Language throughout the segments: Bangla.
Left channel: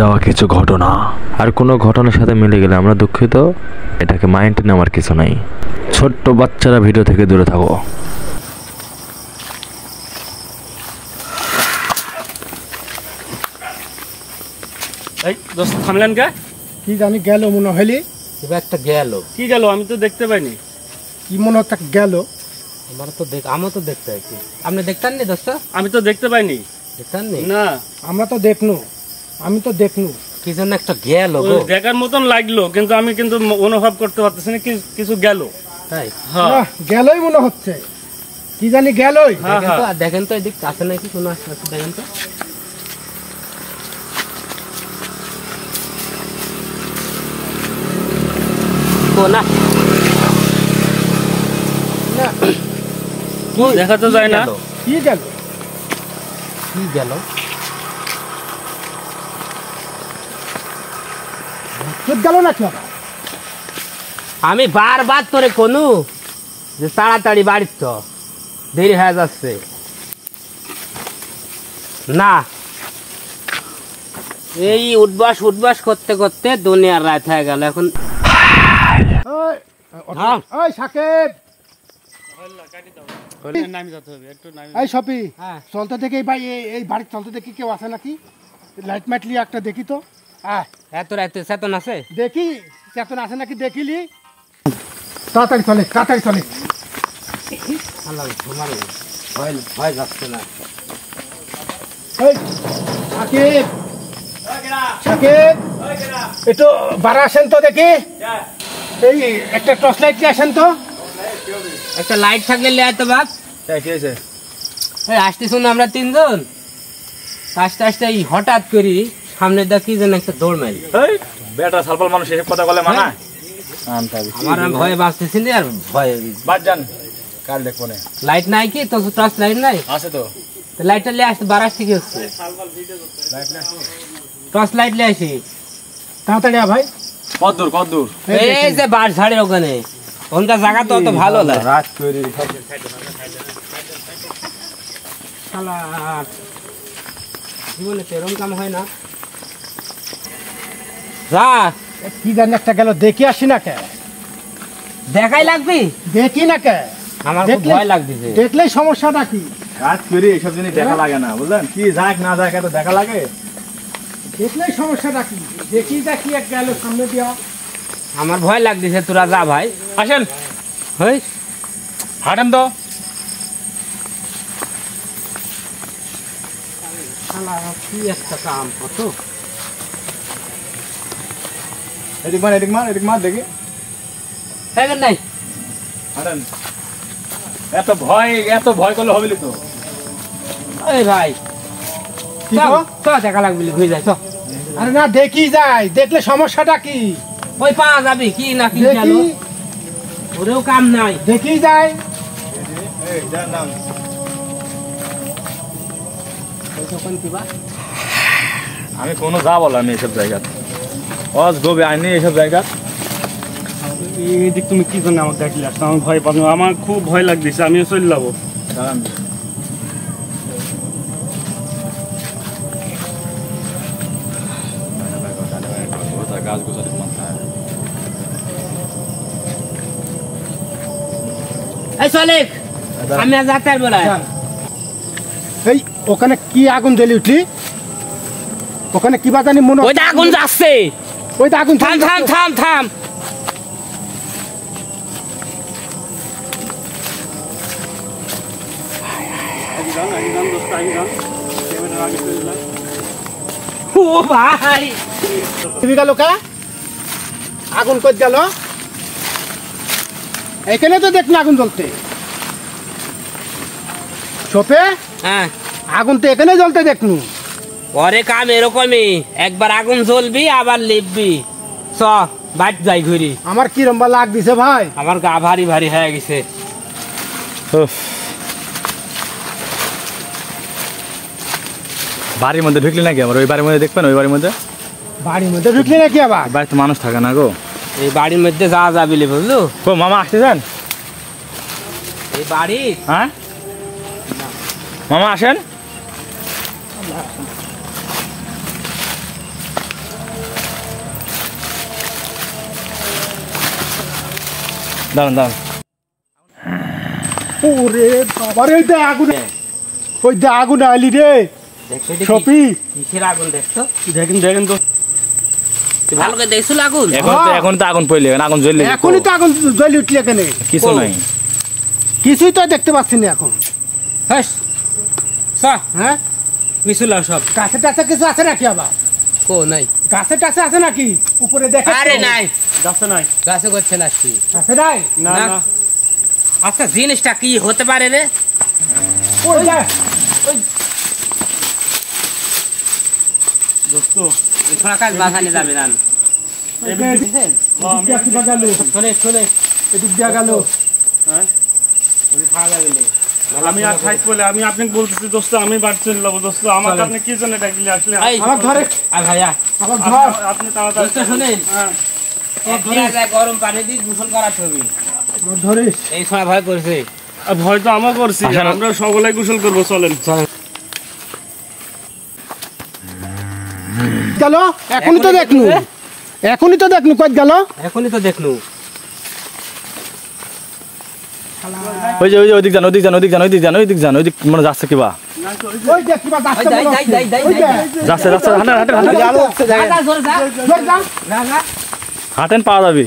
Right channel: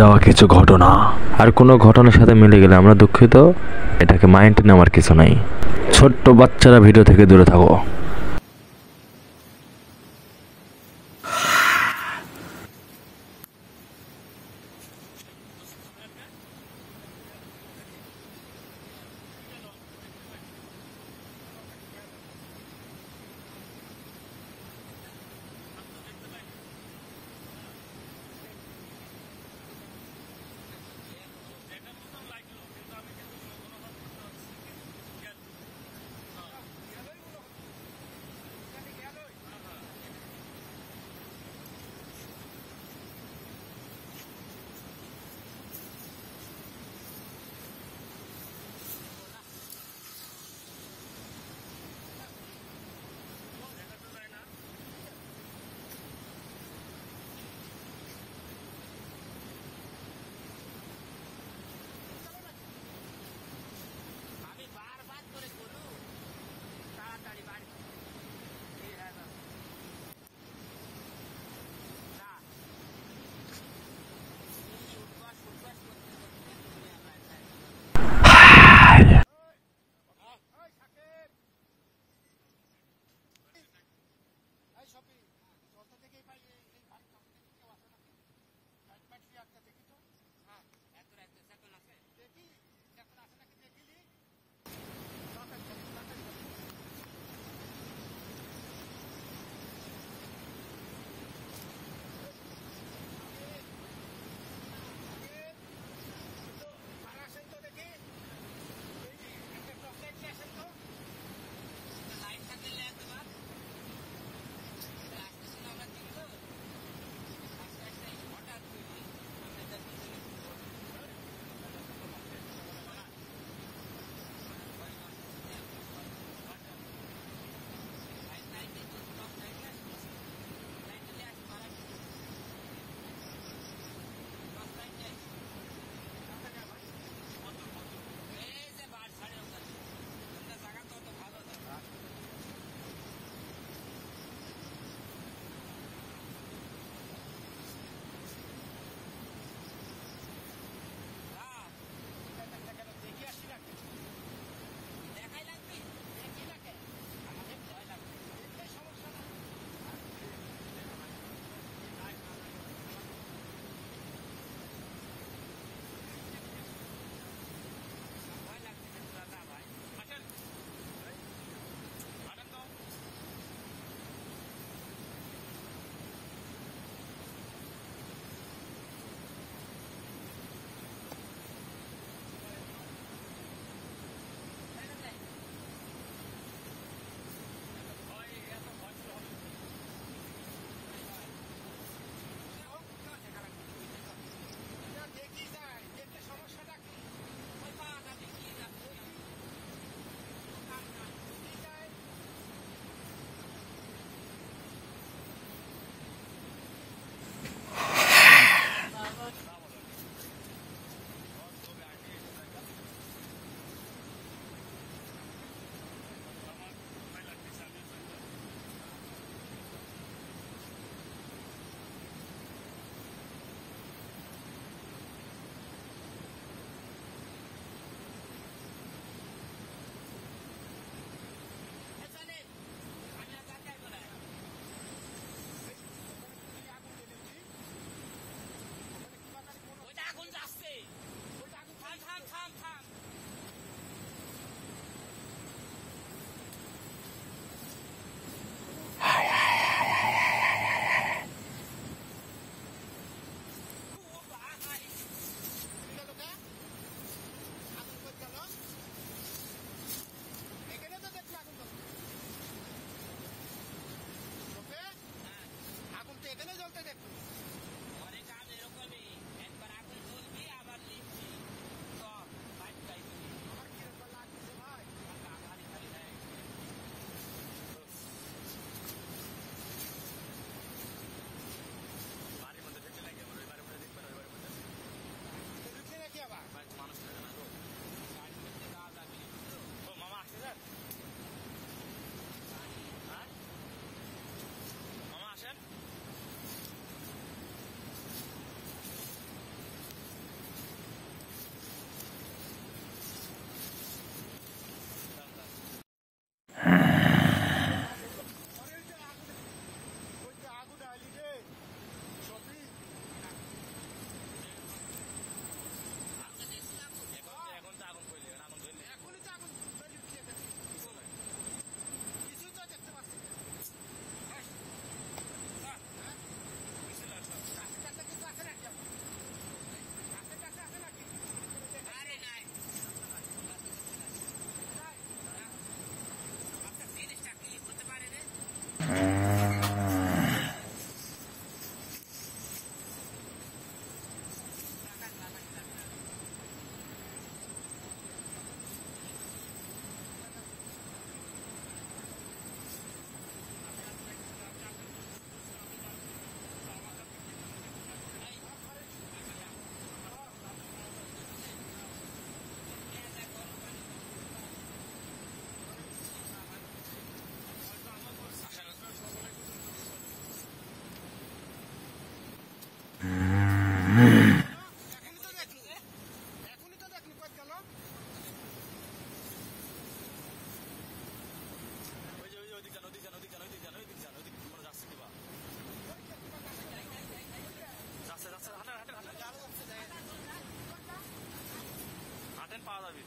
যাওয়া কিছু ঘটনা, আর কোনো ঘটনার সাথে মিলে গেলে আমরা দুঃখিত, এটাকে মাইন্ডে নেওয়ার কিছু নাই। ছোট্ট বাচ্চারা ভিডিও থেকে দূরে থাকো। এই দোস্ত থামলেন কে? কি জানি গেল মনে হইলি, একটা গেল। কি গেল? আমি তো দেখতে পাইনি। কি মনে হচ্ছে গেল। আমার তো দেখতে পাইছি। আপনি দেখতেন নি দোস্ত? আমি তো দেখতে পাইনি। দেখতেন নি? না, আমরা তো দেখনু, আমি তো দেখনু। কি জন্য একটা গেল ওই গো? দেখার মতন লাগলো, কিন্তু আমি কিন্তু অনুভব করতে পারতেছি না কিছু গেল। তাই? হ্যাঁ না, গেলই মনে হচ্ছে, কি জানি গেলই। হ্যাঁ হ্যাঁ। দেখেন তো এদিক আছে নাকি কোনো আশপাশে, দেখেন তো। না দেখা তো যায় না। কি গেল, কি গেল? গেল না কি? আমি বারবার তোরে কোনু যে তাড়াতাড়ি বাড়ির তো দেরি হয়ে যাচ্ছে না। এই উঠবাস করতে করতে দুনিয়ার রাত হয়ে গেল। এখন ওই সাকিব, নামি যেতে হবে একটু, নামি। এই সপি, হ্যাঁ। চলতে দেখি ভাই, এই বাড়ির চলতে দেখি কেউ আছে নাকি? লাইট মাইটলি একটা দেখি তো। এত রাতে চেতন আছে? দেখি চেতন আছে নাকি দেখিলি। তাড়াতাড়ি চলে, তাড়াতাড়ি চলে। আল্লাহ, তোমার ভয় যাচ্ছে না? এই সাকিব, সাকিব, একটু বাড়া আসেন তো দেখি। এই একটা টর্চ লাইট নিয়ে আসেন তো। একটা লাইট থাকলে লিয়ে তো বাপ। আসতে শুনো আমরা তিনজন, আস্তে আস্তে এই হঠাৎ করি সামনে দেখি যেন একটা দৌড় মারি। বেটা সালপাল মানুষ এসব কথা বলে মানা। আমার ভয়ে বাঁচতেছি না, আর ভয় বাদ যান, কাল দেখবো না। লাইট নাই কি তো? টর্চ লাইট নাই? আছে তো। লাইটটা লিয়ে আসতে বারাস থেকে হচ্ছে, টর্চ লাইট লিয়ে আসি। তাড়াতাড়ি ভাই। কদ্দূর এই যে বাস ঝাড়ের ওখানে, ওখানকার জায়গা তো অত ভালো না। রাত তৈরি জীবনে তো এরকম কাম হয় না। যা কি জানি একটা গেল, দেখি আসি না কে? দেখাই লাগবি? দেখি না কে? আমার খুব ভয় লাগতেছে। দেখলেই সমস্যাটা কি? রাত তৈরি এইসব জিনিস দেখা লাগে না, বুঝলেন? কি যাক না যাক এত দেখা লাগে। দেখলেই সমস্যাটা কি? দেখি দেখি এক গেল সামনে দিয়া। আমার ভয় লাগতেছে, তোরা যা ভাই। আসেন, হই হাঁটেন তো। কি একটা কাম কত। এদিক মার দেখি। নাই হাঁটেন। এত ভয় করলে হবে তো। এই ভাই, কি গো? তো দেখা লাগবি, ঘুরে যাই তো। আরে না, দেখি যাই, দেখলে সমস্যাটা কি? ওই পাওয়া যাবে কি না কি গেল, দেখি, ওরেও কাম নাই। দেখি যাই। আমি কোনো যা বললাম এইসব জায়গা, অজ গবে আইনি এইসব জায়গা। এদিক তুমি কি জন্য আমাকে দেখলে আসছো? আমি ভয় পাবো, আমার খুব ভয় লাগতেছে, আমিও চলে যাবো। এই চলেক, আমি আজ যাতে পারবো না। এই ওখানে কি আগুন জ্বলি উঠলি? ওখানে কি বা জানি মনে, ওই তো আগুন যাচ্ছে। ওই তো আগুন। থাম থাম থাম থাম। ও ভাই, তুমি গেল কা? আগুন কই গেল? এখানে তো দেখলি আগুন জ্বলতে। সোপে হ্যাঁ, আগুন তো এখানে জ্বলতে দেখনু। পরে কাম এরকমই, একবার আগুন জ্বলবি আবার লিখবি। চ বাইট যাই ঘুরি। আমার কি রম্বা লাগ দিছে ভাই। আমার গা ভারী ভারী হয়ে গেছে। বাড়ির মধ্যে ঢুকলি নাকি? আমার ওই বাড়ির মধ্যে দেখবেন, ওই বাড়ির মধ্যে। বাড়ির মধ্যে ঢুকলি নাকি আবার? বাড়িতে মানুষ থাকে না গো। এই বাড়ির মধ্যে যা যাবিলি বুঝলো? ও মামা আসতেছেন? এই বাড়ি হ্যাঁ মামা আসেন। দাঁড়ান দাঁড়ান ওরে বাবা রে, দে আগুন, ওই দে আগুন আইলি রে দেখছো এটা কি? সপি। কিসের আগুন দেখছো? দেখেন দেখেন তো তুই ভালো করে দেখছো আগুন? এখন তো আগুন পড়লে আগুন জ্বললে এখনই তো আগুন জ্বলি উঠলি এখানে, কিছু ও। নাই কিছুই তো দেখতে পাচ্ছি না এখন। হাস হ্যাঁ, মিশুলা সব গাছে টাছে কিছু আছে নাকি আবার? কো নাই। গাছে টাছে আছে নাকি উপরে দেখে? আরে নাই, যাচ্ছে নাই গাছে করছে না কি? আছে নাই? না না। না আচ্ছা জিনিসটা কি হতে পারে রে? ওই দেখ, দোস্ত এই ছোড়া কাজ বাঁচানি যাবে না। ওই দে, এদিক দিয়ে কিবা গেল, শোনে শোনে এদিক দিয়ে গেল। হ্যাঁ খাওয়া যাবে না। আমি আর খাইতে বলে আমি আপনাকে বলতেছি দোস্ত আমি বাড়ি চলে যাবো দোস্ত আমার আপনি কি জন্য ডাকলে আসলে এই, আমার ধরে, আয় ভাইয়া, আমার ধর। আপনি তাড়াতাড়ি দোস্ত শোনেন, হ্যাঁ এক ঘোড়া যায় গরম পানি দিয়ে গোসল করাতে হবে। আমার ধরিস। এই ছোড়া ভয় করছে। আর ভয় তো আমার করছি আমরা সকলে গোসল করবো চলেন গেল, এখনই তো দেখনু, এখনই তো দেখনু, কই গেল? এখনই তো দেখলু। ওই যে ওইদিক যান ওইদিক যান ওইদিক যান ওইদিক যান ওইদিক যান ওইদিক মানে যাচ্ছে কিবা ওই দেখ কিবা যাচ্ছে ওই মনে যাই, যাই, যাই, হচ্ছে। যাই, ওই দেখ, যাচ্ছে যাচ্ছে হাঁটেন হাঁটেন হাঁটেন যা, যা, জোরে যা। জোর যা। যা, যা। হাঁটেন পাওয়া যাবে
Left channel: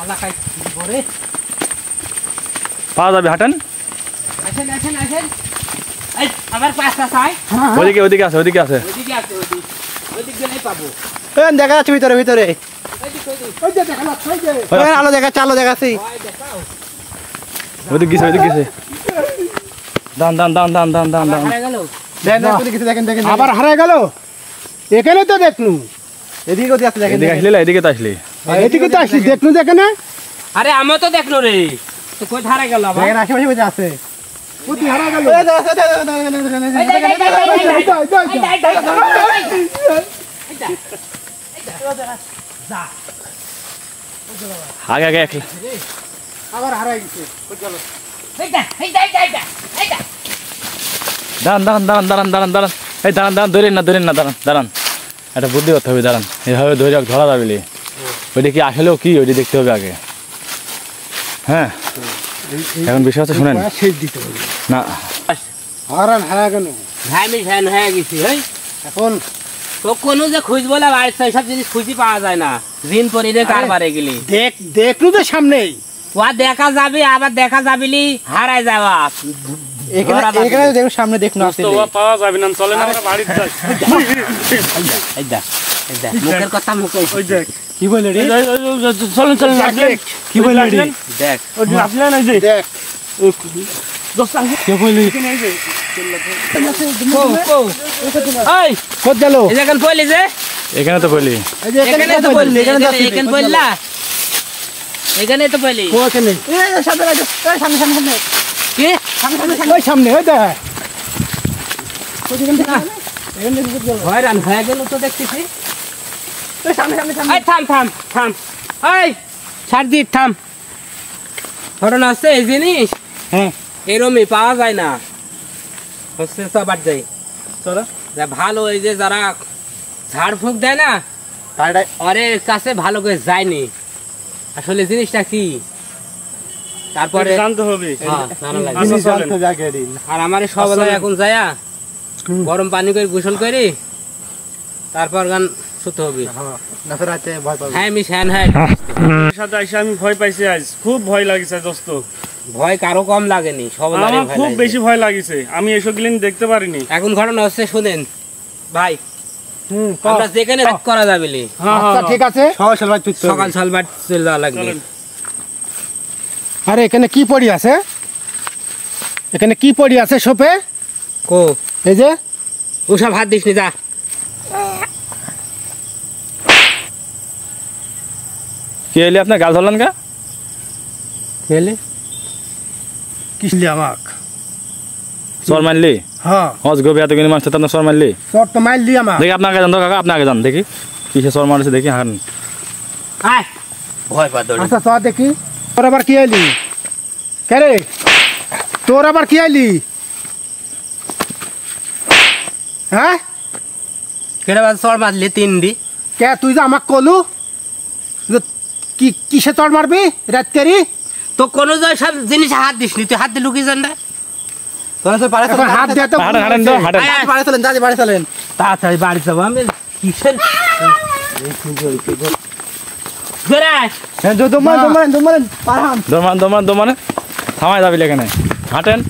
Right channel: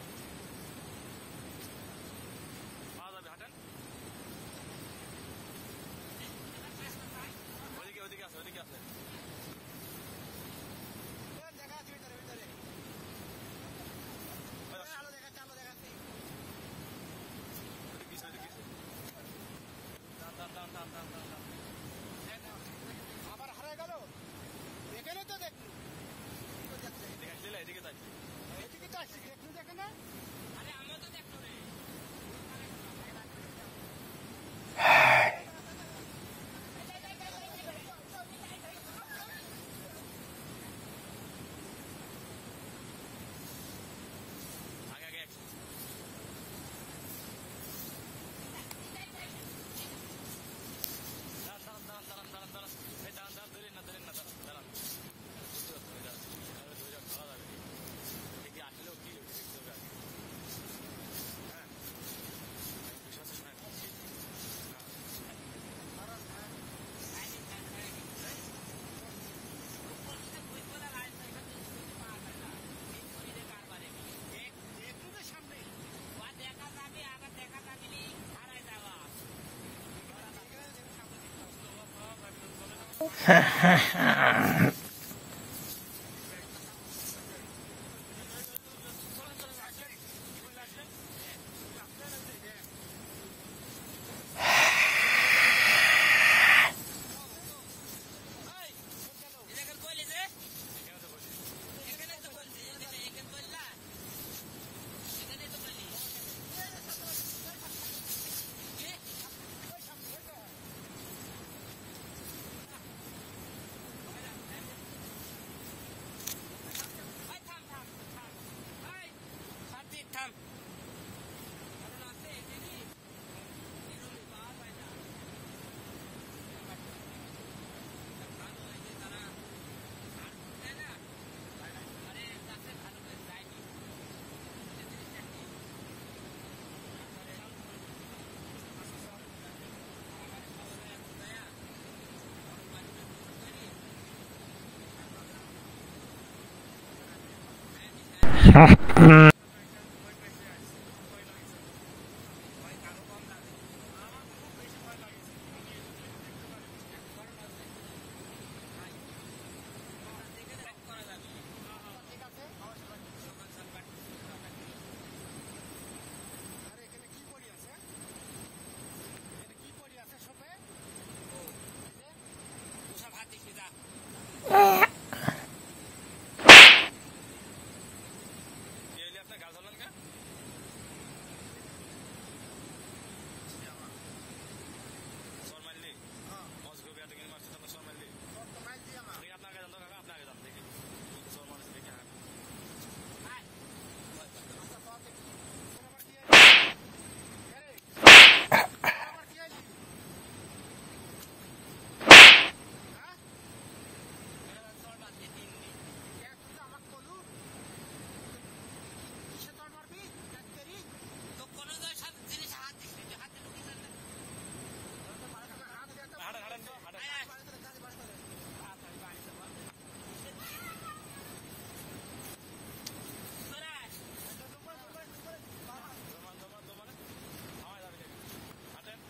আল্লাহ খাই পরে। পাওয়া যাবে হাঁটেন আসেন আসেন আসেন। এই আমার পাঁচটা চাই। হ্যাঁ, ওইদিকে ওইদিকে আছে ওইদিকে আছে ওইদিকে আছে ওইদিক। ওইদিক গেলেই পাবো। দেখা যাচ্ছে ভিতরে ভিতরে ওইদিক ওইদিক। ওই যে দেখা যাচ্ছে, ওই যে। আলো দেখাচ্ছে আলো দেখাচ্ছি ভয় দেখাও। ওইদিক গেছে ওইদিক গেছে দান দান দান দান দান দান দান হারাই গেল। দেখেন দেখেন আবার হারায় গেল, এখানে তো দেখনু, এদিকে ওদিকে আছে দেখেন এদিকে আসলে না, এদিকে তো আসলি এদিকে তো আসলি, দেখনু যেখানে। আরে আমি তো দেখলো রে। তো কই হারাই গেল আবার? দেখেন আশেপাশে কোথায় আছে কোথায় হারায় গেল? এই, এই, এই, এই, এই, এই, এই, যা। আগে আগে একলা আবার হারায় গেছে। এইটা, এইটা, এইটা, এইটা, এইটা। দাঁড়ান দাঁড়ান দাঁড়ান দাঁড়ান দাঁড়ান দাঁড়ান এই দাঁড়ান দাঁড়ান ধরেন না দাঁড়ান দাঁড়ান একটা বুদ্ধি করতে হবে দাঁড়ান এভাবে ধরে ধরা যাবে লি। ওইটা কি আসলেও কি ওইটা দেখতে হবে আগে হ্যাঁ এখন বিষয় হচ্ছে শোনেন শেষ দিতে হবে। না হারায় গেল ঘামি ফ্যান হয়ে গেছি হেই। এখন। তো কোনো যে খুঁজবো না বাড়ির সব জিনিস খুঁজি পাওয়া যায় না। ঋণ পরি রে কারবারে গেলি। দেখলু তো সামনেই। ও দেখা যাবে আবার দেখা যাবিলি হারাই যাওয়া। এখানে এখানে দেখুন সামনে দেখুন আছে পাওয়া যাবে না চলেন আমরা বাড়িতে যাই এইটা, এইটা। মুখের কথা মুখে ওই দেখ কি বলে রে? চলেন চলেন আসলেন কি বলে রে? দেখ। ওই যে আসলেন এই যে দেখ, কে কইলি কো, কো। এই, কোথ গেল? এই যে এখানে পড়লি যে? এখানে তো কইলি এই যে এখানে তো পড়লি, এখানে পড়লা। এখানে তো পড়লি। ওখানে, সামনে সামনে সামনে কি? ওই সামনে, ওই দেখ। হয়রান হয়ে গেল তো দেখতেছি। এই থাম থাম থাম। এই সারজিৎ থাম। ঘটনা হচ্ছে এই জিনিস হ্যাঁ, এরমই পাওয়া যায় না। হচ্ছে সবার যাই চলো যা ভালো এই যে যারা ঝাড়ফুঁক দেয় না ওরের কাছে ভালো করে যায়নি আসলে জিনিসটা কি তারপরে জানতে হবে হ্যাঁ, জানা লাগবে। আচ্ছা, চলেন। জানতে জাগে দিন। আর আমার সবাই আসলে- এখন যায়া গরম পানি করে গোসল করি তারপর গান শুতে হবে। রাতে ভয় পাবে। হ্যাঁ মিস হ্যাঁ হ্যাঁ সাথে আইসা আমি ভয় পাইছি আজ খুব ভয় লাগিছে দোস্ত ভয় কারো কম লাগেনি সবাই আমার খুব বেশি ভয় লাগিছে আমি এসব গিলিন দেখতে পারিনি এখন ঘটনা হচ্ছে শুনেন ভাই হুম, আমরা যেখানে রাত করা যাবে লি। হ্যাঁ আচ্ছা ঠিক আছে। সকাল সকাল চলে যাওয়া লাগবে। চলেন আরে এখানে কি পড়ি আছে? এখানে কি পড়ি আছে সোপে? কো এই যে ওসব হাত দিস নি যা। কি এলি আপনার গাল ধরলেন কা মেলে কিসলি আমাক। সর মারলি হ্যাঁ, হজ গো এত কিনে মারছে আপনার সর মারলি তোর তো মারলি আমাক। দেখি আপনার আগে যান তো কাকা আপনার আগে যান দেখি কিসে সর মারছে দেখি হান আয় ভয় পা দৌড়ি। আচ্ছা চল দেখি, তোর আবার কি আইলি? কে রে, তোর আবার কি আইলি? হ্যাঁ, কেটে বাদ সর মারলি তিন দি। কে তুই যে আমাক কলু যে কি কিসে চড় মারবি রাতকারি? তো কোনো সব জিনিস হাত দিসনি, তুই হাত দিলু কি জান না? এখন হাত দিয়ে তো হাঁটেন হাঁটেন তো হাঁটেন। আয়, আয়, বাড়ি চলেন দাদি বাড়ি চলেন। তাড়াতাড়ি বাড়ি যাবো আমি। কিসের ধরে আয়। দমালেন পারহান। দমান থামাই যাবি এখানে, হাঁটেন।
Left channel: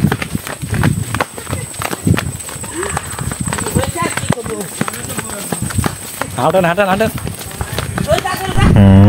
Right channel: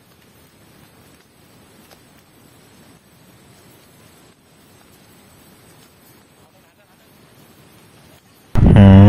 হাঁটেন হাঁটেন হাঁটেন। ওই তাড়াতাড়ি